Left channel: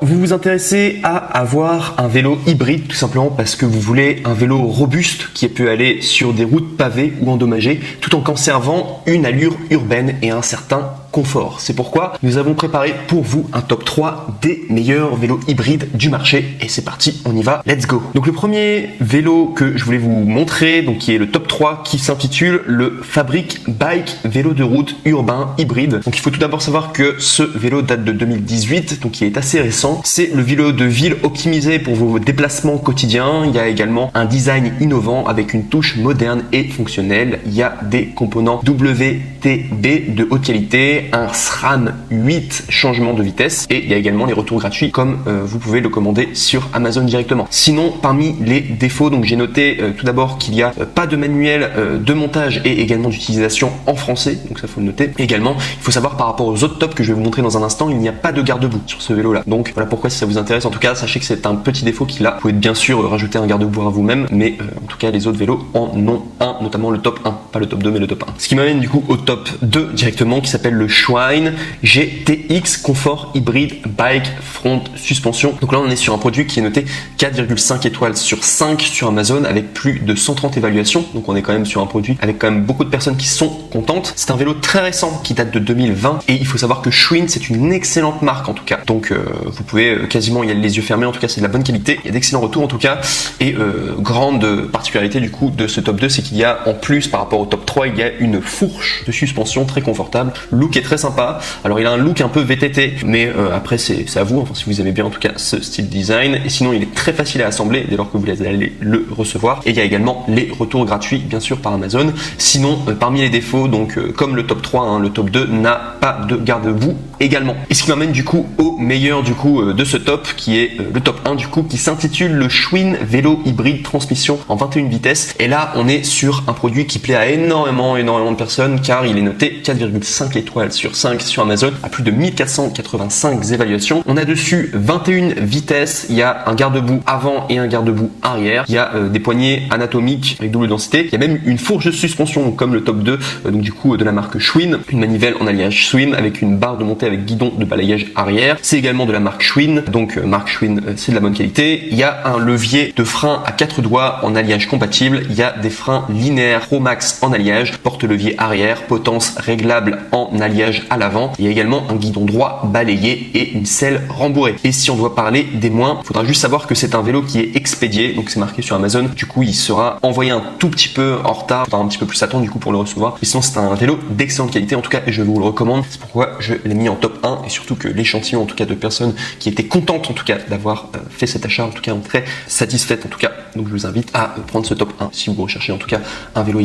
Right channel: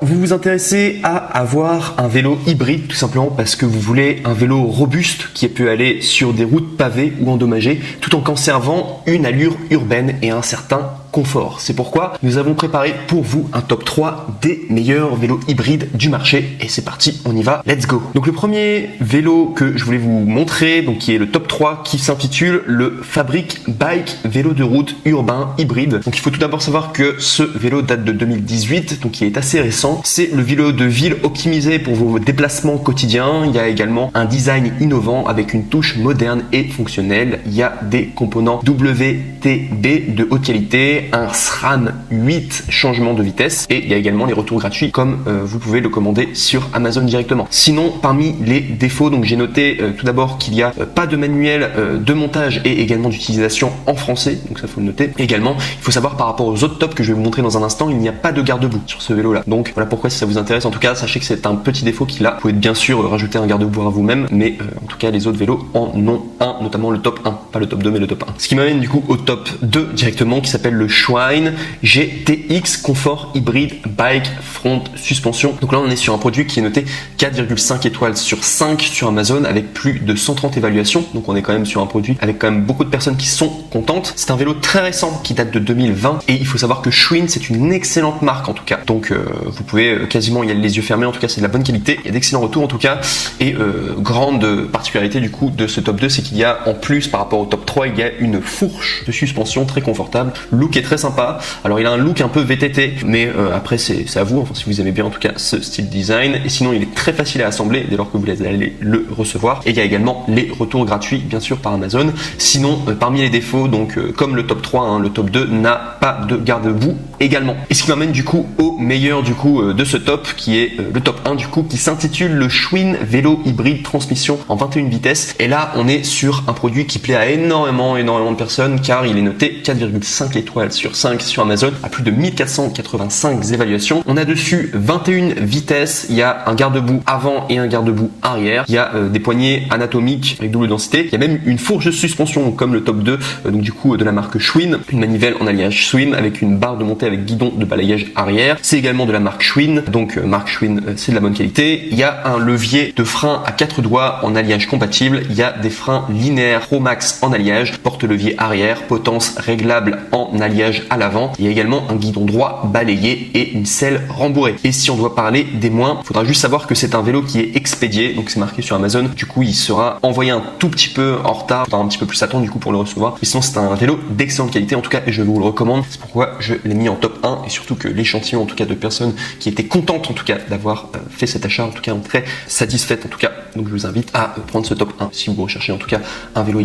Vous vous intéressez à avoir un vélo hybride tout simplement parce que vous voulez un vélo robuste qui peut aller sur des routes pavées ou endommagées tout en conservant une allure urbaine et un certain confort. C'est pourquoi nous avons préparé pour vous un top 3 des meilleurs vélos hybrides du marché et c'est parti, on y va, let's go. Donc le premier vélo que je voulais vous montrer, donc qui est le top 3 qui s'intitule le Fabric Bike vélo de route urbain hybride. Donc il faut tout d'abord savoir que ce vélo date de 2018, donc il est assez récent. C'est le vélo de ville optimisé pour vos déplacements quotidiens. Il y a également un design innovant avec une touche moderne et fonctionnelle. Il y a des components WTB de haute qualité, un SRAM 8 changement de vitesse et il y a également les retours gratuits comme vous pouvez le commander sur Amazon directement. Sinon, parmi les défauts, donc j'ai noté tout d'abord qu'il n'y a pas de manuel de montage et également d'utilisation en français, donc ça faut le noter. Également, il faut savoir par rapport aux autres tops que je vais vous montrer dans un instant, il n'y a pas de garde-boue sur ce vélo là. Donc voilà pourquoi si ça vous intéresse, en tout cas sachez que c'est un petit défaut qu'il a. Vous pouvez bien sûr rajouter un garde-boue à vous-même, mais en tout cas les autres vélos en ont un, notamment le top 1, pas le top 2 mais le top 1. Ce qui m'amène du coup au top 2 directement qui s'appelle le Schwinn GTX Confort Hybrid Bike Front Suspension. Donc là on est sur un produit qui est noté 4,5 étoiles sur 5 sur Amazon avec plus de 130 évaluations. Donc on est quand même sur un produit avec quand même beaucoup de personnes qui sont contentes. C'est un vélo très récent qui date de 2020 et il faut savoir que Schwinn c'est une excellente marque en tout cas. Donc vous pouvez quasiment y aller les yeux fermés, en tout cas c'est de la bonne qualité, il y a d'excellents retours en tout cas. Et grande particularité du coup de ce top 2, c'est qu'il y a en plus par rapport au top 3, il y a une fourche de suspension très confortable. Le look est très sympa. Alors il a un look un peu VTT, mais après c'est à vous, si vous avez bien en tout cas ce style design. Et sinon il est très facile à assembler dès lors que vous allez le recevoir. Et il y a également les retours gratuits bien sûr par Amazon. Sinon parmi les défauts, donc comme le top 3, hein, le top 2 n'a pas de garde-boue également. Et ce qui m'amène du coup au meilleur du coup de ce top qui est le top 1 du coup qui s'intitule le Schwinn vélo hybride transmission en 21 vitesses. Et là on est sur un produit qui plaît à énormément de personnes car il est noté 4,5 étoiles sur 5 sur Amazon à plus de 1485 évaluations. On a dessus 21 vitesses, il y a un garde-boue avant et un garde-boue arrière, il y a des poignées anatomiques avec double densité, il y a même une fourche de suspension comme le top 2 donc du coup de la marque Schwinn, une manivelle en alliage Schwinn avec une barre de montée avec guidon de balayage arrière. C'est également de la marque Schwinn, donc marque Schwinn c'est de la bonne qualité. Il y a un levier de frein à 4 doigts en alliage compatible, il y a des freins linéaires Pro Max en alliage, porte-levier arrière, potence réglable en alliage à l'avant. Il y a également un guidon droit balayé et une selle rembourrée. Et si on doit parler des moins, il faudra juste savoir que c'est un vélo qui est expédié, donc c'est marqué sur Amazon. Du coup, il sera envoyé un tout petit peu en retard, un petit peu plus attendre du coup pour le recevoir. Mais sinon, c'est un vélo d'excellente qualité en tout cas et je vous le recommande. C'est pourquoi je l'ai mis en top 1 et surtout que l'échantillon en tout cas de personnes qui étaient contentes en tout cas d'avoir fait cet achat, en tout cas très satisfaites en tout cas. Donc je vous invite à prendre ce top 1 si vous recherchez en tout cas un vélo